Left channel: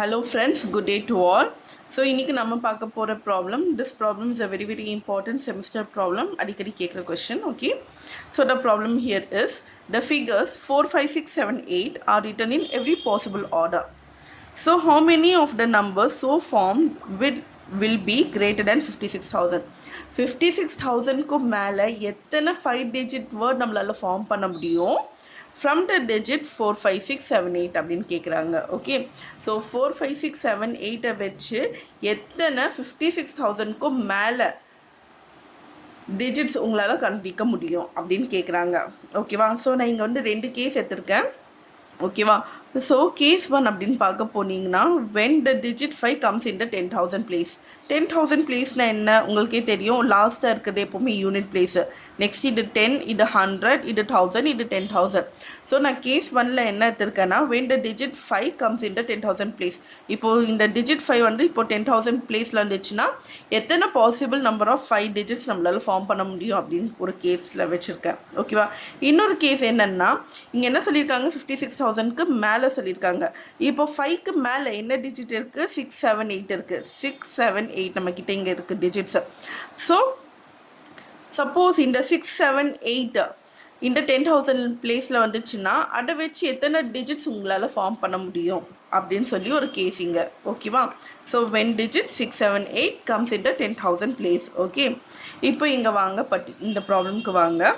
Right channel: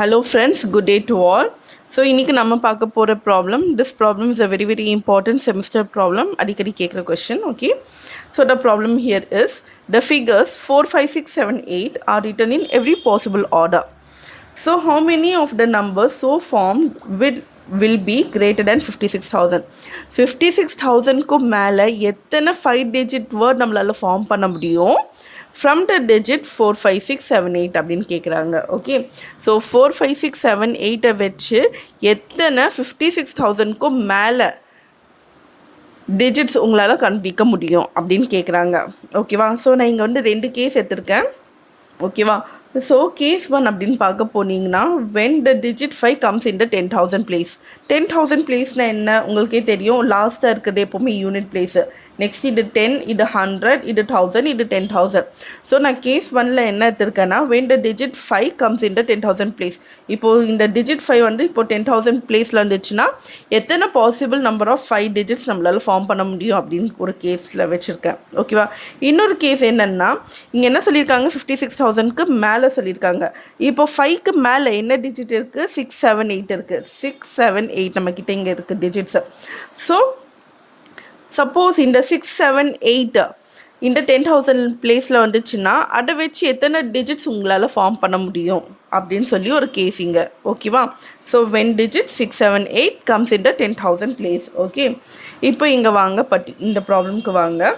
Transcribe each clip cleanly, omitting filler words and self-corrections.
Hello friends, good day to all. So இன்னைக்கு நம்ம பார்க்க போகிற problem. This problem is a very very important semester problem. அடிக்கடி கேட்குற question. Okay. So the problem here is the figures 4, 5, 6, 7, 8 are written in every possible order. So how many of the numbers so formed will be greater than 56,000? 56,000க்கு மேலே எத்தனை 5 digit word நம்மளால் form பண்ண முடியும் from the digit 4, 5, 6, 7, 8 அப்படின்னு கேட்குறாங்க. Okay, so 4, 5, 6, 7, 8 வச்சு எத்தனை 56,000க்கும் மேலே டிஜிட்ஸ் உங்களால் கண்டுபிடிக்க முடியும் அப்படின்னு கேட்குறாங்க. ஓகேவா, ஸோ நான் இங்கே வந்து 2 கேஸ் எடுத்திருக்கேன். ஓகேவா, ஸோ கேஸ் 1 அப்படின்னு பார்க்க போனீங்கன்னா when the digit 5 comes in the 10,000 place. 10,000 பிளேஸ்னால் என்ன உங்களுக்கே தெரியும், லாஸ்ட்டாக இருக்கிறது எப்போவுமே யூனிட் பிளேஸு. நெக்ஸ்ட் இது 10, இது 100, இது 1000, இது 10,000. ஸோ நான் கேஸ் 1ல் என்ன எடுத்திருக்கேன்னா when the digit 5 comes in the 10,000 place. இப்போது இந்த digit 5 வந்து இப்போ 10,000 பிளேஸில் வந்துச்சுன்னா எத்தனை பாசிபிள் நம்பர் ஆஃப் 5 டிஜிட்ஸ் நம்மளால் ஃபார்ம் பண்ண முடியும் அப்படின்னு ஒரு கேஸில் வச்சுருக்கேன். ஓகேவா, இன்னொரு கேஸ் என்னென்னா இங்கே என்ன சொல்லியிருக்காங்க, 56,000க்கு மேலே சொல்லியிருக்காங்க. இப்போ 5க்கு மேலே என்ன டிஜிட் இருக்குது, 6, 7, 8 இருக்குது. 6, 7, 8 நம்மக்கிட்ட இங்கே இருக்குது டிஜிட்ஸு. ஸோ சப்போஸ் இந்த 6, 7, 8 இந்த 10,000 பிளேஸில் வந்துச்சுன்னா அதை வச்சு எத்தனை டிஜிட்ஸ் உங்களால் ஃபார்ம் பண்ண முடியும் அப்படின்னு சொல்லி ஒரு கேஸிங்க. ஓகேவா, so when digit 6, 7, 8 comes in the 10,000 place. Okay, இப்போ இங்கே வாங்க இந்த ப்ராப்ளம்க்கு வாங்க.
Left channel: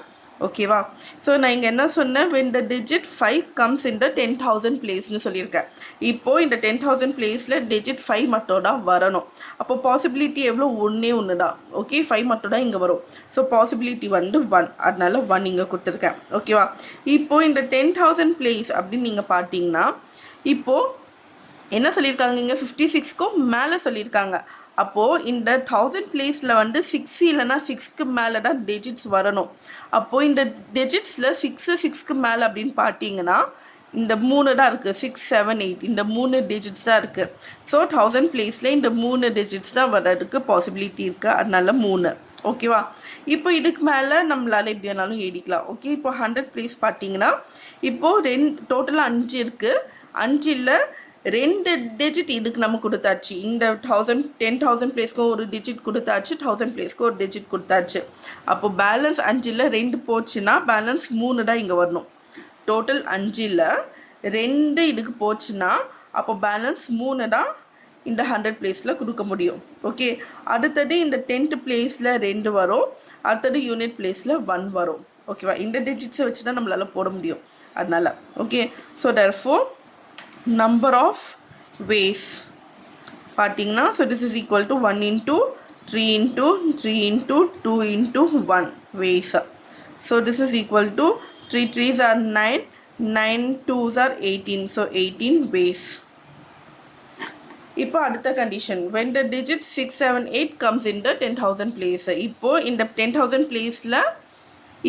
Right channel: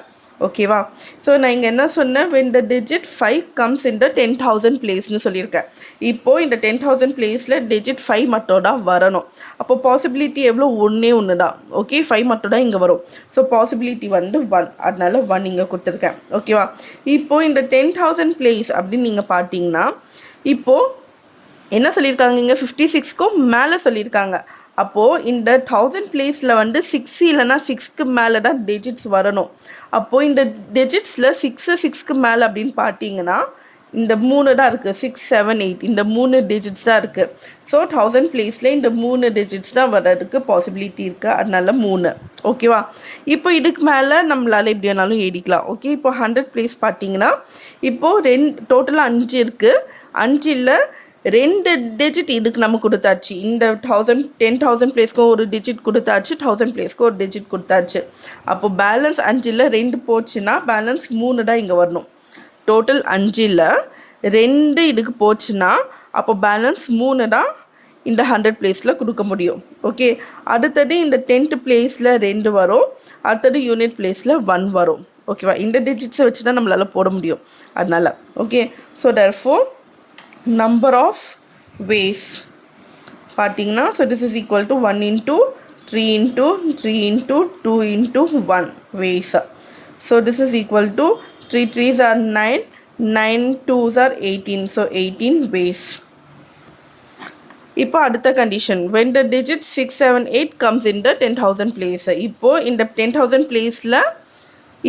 ஓகேவா, ஸோ நான் இங்கே என்ன சொன்னேன், when the digit 5 comes in the 10,000 பிளேஸ்னு சொல்லியிருக்கேன். இப்போது இந்த 10,000 பிளேஸில் digit 5 மட்டும் தான் வரணும். அப்போ பாசிபிலிட்டி எவ்வளோ, ஒன்று தான். ஓகே, 5 மட்டும் தான் இங்கே வரும். ஸோ பாசிபிலிட்டி வந்து 1, அதனால 1 இங்கே கொடுத்துருக்கேன். ஓகேவா, இப்போது இந்த 10,000 பிளேஸ் அப்படின்னு நீங்கள் பார்த்தீங்கன்னா இப்போது என்ன சொல்லியிருக்காங்க, இங்கே 56க்கும் மேலே சொல்லியிருக்காங்க. அப்போது இந்த 1000 பிளேஸில் வந்து 6 இல்லைனா 6க்கு மேலே தான் டிஜிட்ஸ் வரணும். அப்போது இந்த டிஜிட்ஸில் 6க்கு மேலே அப்படின்னு பார்த்தீங்கன்னா இந்த 3 தான் இருக்குது, 6, 7, 8 இந்த 3 டிஜிட்ஸ் தான் இருக்குது. ஸோ 1000 பிளேஸில் இந்த 3 டிஜிட்ஸ் தான் வர்றதுக்கு பாசிபிலிட்டி இருக்குது, அதனால 3. ஓகேவா, இப்போ இதுக்கு மேலே நம்மளால் எப்படி வேணாலும் எழுதிக்கலாம். ஓகே, இப்போ 100 பிளேஸ் பார்த்தீங்கன்னா இப்போது டோட்டலாக 5 இருக்குது. 5ல் 2 டிஜிட் இதுக்கு நம்ம கொடுத்தாச்சு. இந்த 10,000 பிளேஸ்க்கு ஒரு டிஜிட் கொடுத்தாச்சு, 1000 பிளேஸ்க்கு ஒரு டிஜிட் கொடுத்தாச்சு. அப்போது பேலன்ஸ் 5ல் 2 போச்சுன்னா பேலன்ஸ் 3 தான் இங்கே வரணும். டோட்டல் 5ல் 2 இதுக்கு போச்சுன்னா அப்போ பேலன்ஸ் 3 தான் இந்த 100 பிளேஸில் கொடுக்க முடியும். ஓகே, அடுத்தது இந்த 10th பிளேஸில் 2 வரும், அடுத்தது யூனிட் பிளேஸில் 1 வரும். ஓகேவா, இந்த டிஜிட்ஸை வச்சு தான் நம்மளால் போட முடியும். அதனால் okay, so therefore number of ways பார்த்தீங்கன்னா so this is equal to 1 into 3 into 3 into 2 into 1 ways. So this is equal to 3 3s are 9, 9 2s are 18, so 18 ways. இப்போ அடுத்த condition when the digit 6, 7, 8 comes in the 10,000 place. இப்போது இந்த 10,000 பிளேஸில்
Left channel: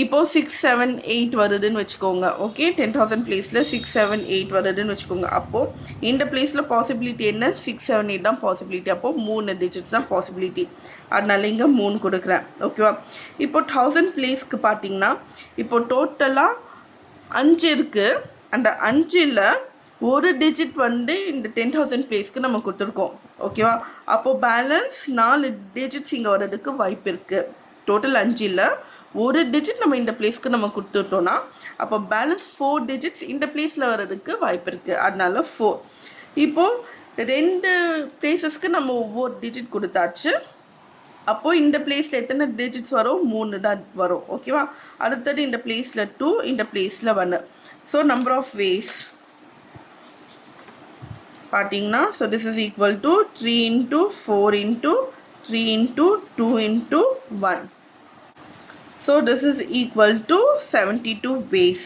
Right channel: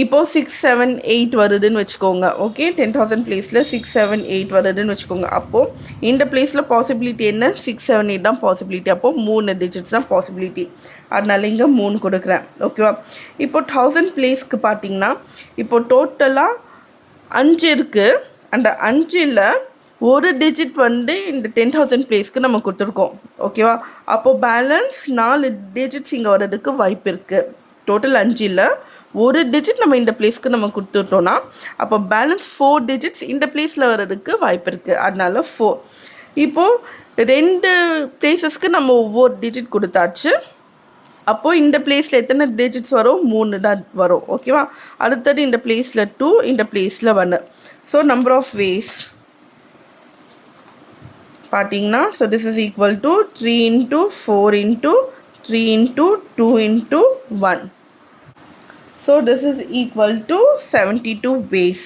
இப்போது 6, 7, 8 வருதுன்னு வச்சுக்கோங்க. Okay, 10,000 பிளேஸில் 6, 7, 8 வருதுன்னு வச்சுக்கோங்க. அப்போது இந்த பிளேஸில் பாசிபிலிட்டி என்ன, 6, 7, 8 தான் பாசிபிலிட்டி. அப்போது 3 டிஜிட்ஸ் தான் பாசிபிலிட்டி, அதனால இங்கே 3 கொடுக்குறேன். ஓகேவா, இப்போ 1000 பிளேஸ்க்கு பார்த்தீங்கன்னா இப்போது டோட்டலாக 5 இருக்குது. அந்த 5ல் ஒரு டிஜிட் வந்து இந்த 10,000 பிளேஸ்க்கு நம்ம கொடுத்துருக்கோம். ஓகேவா, அப்போது பேலன்ஸ் 4 டிஜிட்ஸ் இங்கே வர்றதுக்கு வாய்ப்பு இருக்குது. டோட்டல் 5ல் ஒரு டிஜிட் நம்ம இந்த பிளேஸ்க்கு நம்ம கொடுத்துட்டோன்னா அப்போ பேலன்ஸ் 4 டிஜிட்ஸ் இந்த பிளேஸில் வர்றதுக்கு வாய்ப்பு இருக்குது, அதனால 4. இப்போது 2 பிளேஸஸ்க்கு நம்ம ஒவ்வொரு டிஜிட் கொடுத்தாச்சு. அப்போது இந்த பிளேஸில் எத்தனை டிஜிட்ஸ் வரும், 3 தான் வரும். ஓகேவா, அடுத்தது இந்த பிளேஸில் 2, இந்த பிளேஸில் 1. ஸோ நம்பர் ஆஃப் வேஸ் பார்த்தீங்கன்னா so this is equal to 3 into 4 into 3 into 2 into 1. So this is equal to 72 ways.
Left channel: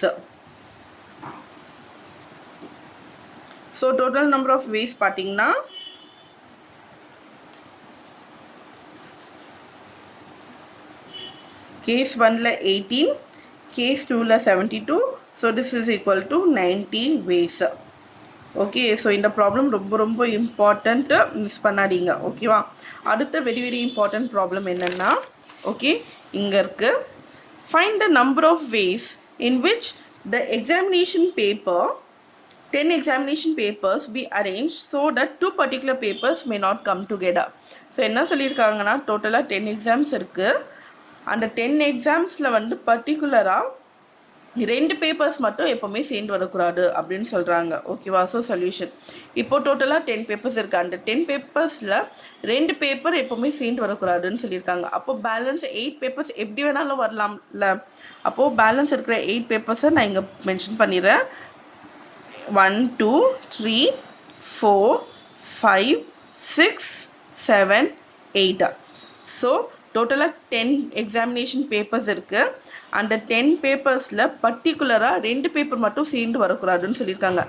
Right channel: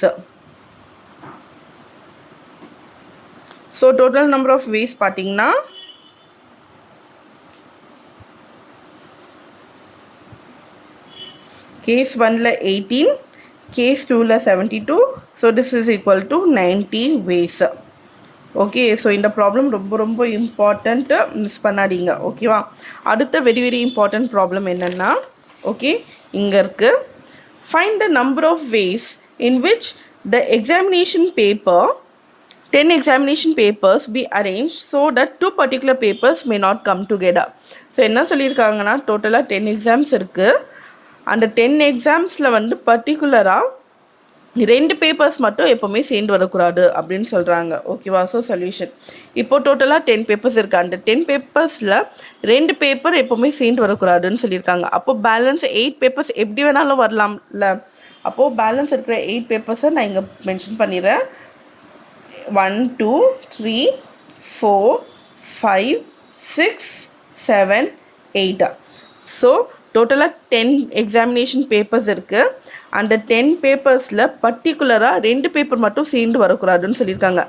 So total number of ways பார்த்தீங்கன்னா case 1ல 18, case 2ல 72. So this is equal to 90 ways. Okay, so இந்த problem ரொம்ப ரொம்ப important, miss பண்ணாதீங்க. ஓகேவா, அடுத்த very very important problem என்னென்னா okay இங்கே இருக்குது, find the number of ways in which the examination paper 10 examination papers be arranged so that 2 particular papers may not come together. So என்ன சொல்லியிருக்காங்கன்னா டோட்டலாக 10 எக்ஸாம்ஸ் இருக்குது. அந்த 10 எக்ஸாம்ஸில் வந்து பர்டிகுலராக 2 பேப்பர்ஸ் மட்டும் எப்போவுமே சேர்ந்து வரக்கூடாது அப்படின்னு சொல்கிறாங்க. ஓகேவா? ஸோ சொல்யூஷன் இப்போது டோட்டலாக 10 பேப்பர்ஸ் இருக்குது. அந்த 10 பேப்பர்ஸில் 2 பேப்பர் எப்போவுமே சேர்ந்து வரக்கூடாதுன்னு சொல்லியிருக்காங்க. அப்போது பேலன்ஸ் 8 பேப்பர்ஸ் எப்படி வேணாலும் வரலாம்ல. அப்போது பேலன்ஸ் இருக்கிற 8 பேப்பர்ஸை நான் இங்கே மென்ஷன் பண்ணிடுறேன். 1 2 3 4 5 6 7 8. ஸோ டோட்டலாக 10 எக்ஸாமினேஷன் பேப்பர்ஸ் இருக்குது. அந்த 10 பேப்பர்ஸில் பர்டிகுலராக 2 பேப்பர் மட்டும் சேர்ந்து வரக்கூடாதுன்னு சொல்லியிருக்காங்க.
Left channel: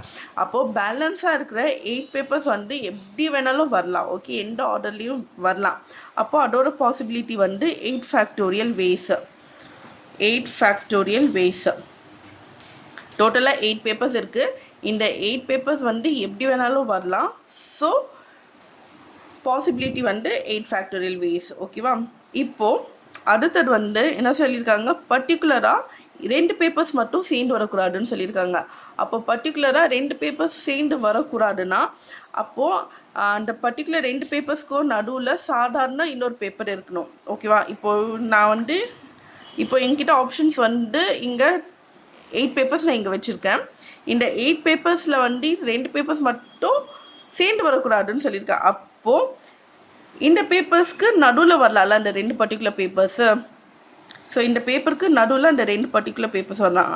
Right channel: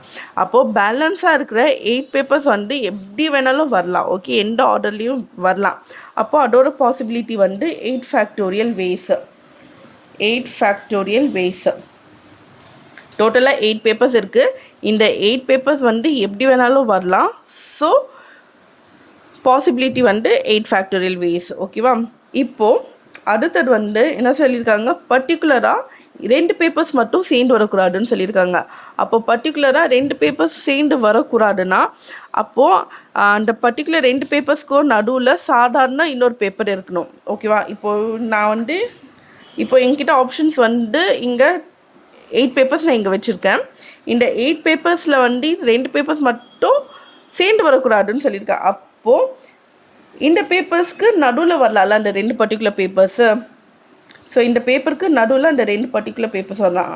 அப்போது பேலன்ஸாக இருக்கிற 8 பேப்பர்ஸ் வந்து எப்படி வேணாலும் வரலாம். ஓகே, எந்த ஆர்டர்லேயும் வரலாம். அப்போது அதோட பாசிபிலிட்டி வந்து 8 ஃபேக்டோரியல் வேஸு. 8 ஃபேக்டோரியல் வேஸு. டோட்டலாக 8 பேப்பர்ஸ் இருக்குது. இந்த 8 பேப்பர்ஸ் வந்து எப்படி வேணாலும் வரலாம். ஸோ பாசிபிலிட்டி வந்து 8 ஃபேக்டோரியல் வேஸ். ஓகேவா? இப்போது அடுத்தது வந்து என்ன சொல்லியிருக்காங்க, பர்டிகுலராக 2 பேப்பர்ஸ் மட்டும் சேர்ந்து வரக்கூடாதுன்னு சொல்லியிருக்காங்க. அப்போது பர்டிகுலராக 2 பேப்பர்ஸ் சேர்ந்து வரக்கூடாதுன்னா அப்போது அந்த பர்டிகுலர் 2 பேப்பர்ஸ்க்கும் நடுவில் சாதாரண இன்னொரு பேப்பர் இருக்கணும். ஓகேவா? இப்போது நான் வந்து என்கிட்ட ஆப்ஷன்ஸ் வந்து இங்கே 8 பேப்பர்ஸ் நான் இங்கே வச்சுருக்கேன். இந்த 8 பேப்பர்ஸில் வந்து 2 பேப்பர்ஸ் மட்டும் சேர்ந்து வரக்கூடாதுன்னு சொல்லியிருக்கேன். அப்போது இந்த பேப்பர்ஸ்க்கு நடுவில் வரலாம்ல அந்த 2 பர்டிகுலர் பேப்பர்ஸு. ஸோ இந்த பேப்பருக்கு நடுவில் அந்த 2 பர்டிகுலர் பேப்பர்ஸ் வரலாம்.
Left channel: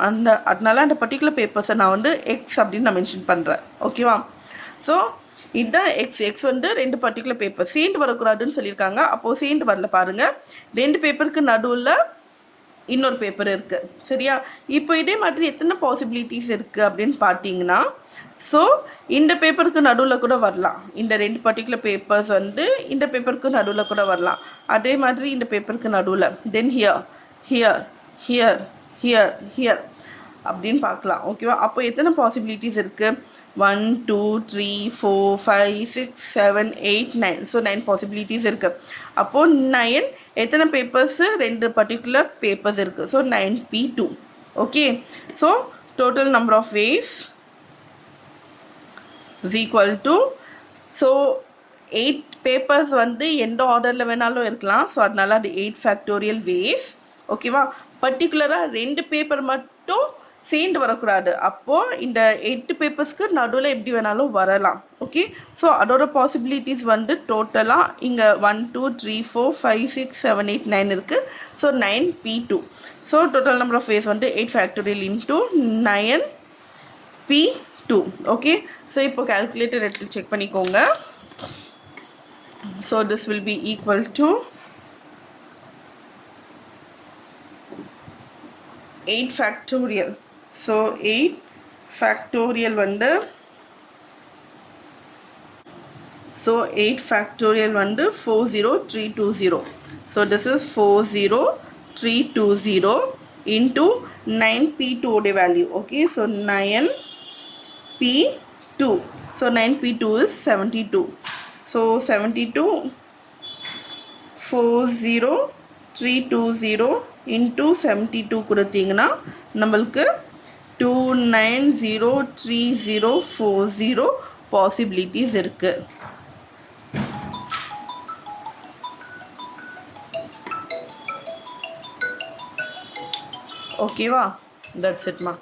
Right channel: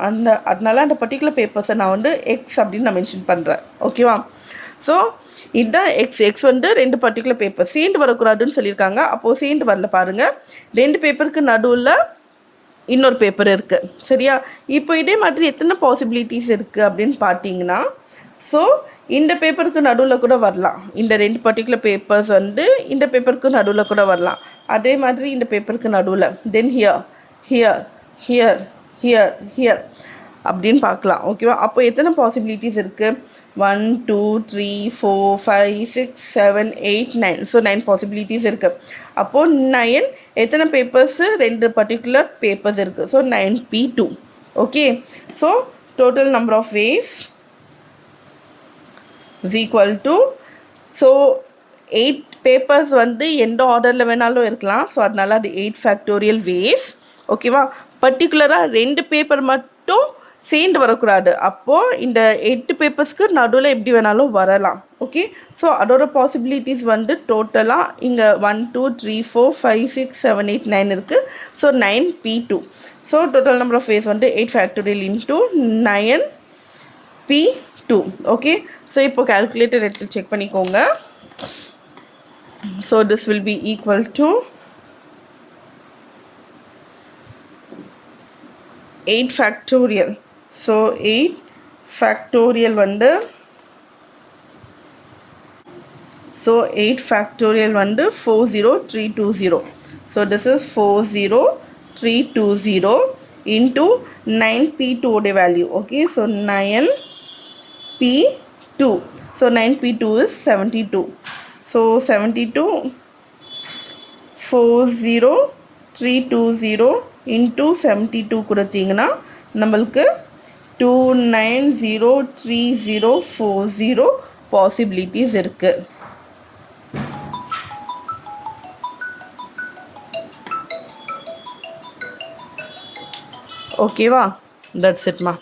அதனால அந்த பர்டிகுலர் பேப்பர்ஸை நான் வந்து எக்ஸ் அப்படின்னு நான் மென்ஷன் பண்ணுறேன். ஓகேவா? ஸோ இதுதான் எக்ஸ் வந்து 2 பர்டிகுலர் பேப்பர் சேர்ந்து வரக்கூடாதுன்னு சொல்லியிருக்காங்க. அப்போது சேர்ந்து வரல பாருங்கள். 2 பேப்பருக்கு நடுவில் இன்னொரு பேப்பர் இருக்குது. சரியா? இப்போ இதே மாதிரி எத்தனை பாசிபிலிட்டிஸ் இருக்குது அப்படின்னு பார்த்தீங்கன்னா, ஸோ இந்த பேப்பருக்கு நடுவில் கூட வரலாம். இந்த 2 பர்டிகுலர் பேப்பர்ஸ் வந்து இந்த பேப்பருக்கு நடுவில் கூட வரலாம். அதே மாதிரி இந்த பேப்பருக்கு நடுவில், தென் here here here here here அப்படின்னு பார்க்கலாம். ஓகேவா? அப்போ எத்தனை பாசிபிலிட்டிஸ் இருக்குது? 1 2 3 4 5 6 7 8 9. ஸோ 9 பாசிபிலிட்டிஸ் இருக்குது. அப்போது 9 எத்தனை பேப்பர்ஸு? 2 பர்டிகுலர் பேப்பர்ஸ் இருக்குது. So 9p2. Okay, so total number of ways is equal to, so 8 papers வந்து எந்த ஆர்டரில் வேணாலும் இருக்கலாம். ஸோ அதனால அது 8 ஃபேக்டோரியல் வேஸ். ஓகேவா? பர்டிகுலராக 2 பேப்பர் மட்டும் சேர்ந்து வரக்கூடாது. அப்போது இந்த 8 பேப்பர்ஸ்க்கு நடுவில் எப்படி வேணாலும் வரலாம். ஓகே, ஸோ அதோட பாசிபிலிட்டிஸ் வந்து டோட்டலாக இங்கே 1 2 3 4 5 6 7 8 9 இருக்குது. So 9p2. So total number of ways வந்து 8 factorial into 9p2. Okay, so இப்போ கால்குலேட்டர் எடுத்து செக் பண்ணிக்கோங்க. So this will be equal to 8 factorial. So 8 factorial வந்து 40320. So this is 40320 into 9p2 உடைய value. Okay, so 9p2. So 9p2 is 72. So 72 40320 into 72 கொடுத்தீங்கன்னா நம்மளுக்கு 290340 possibilities இருக்குது. ஓகேவா? That's இட்மா.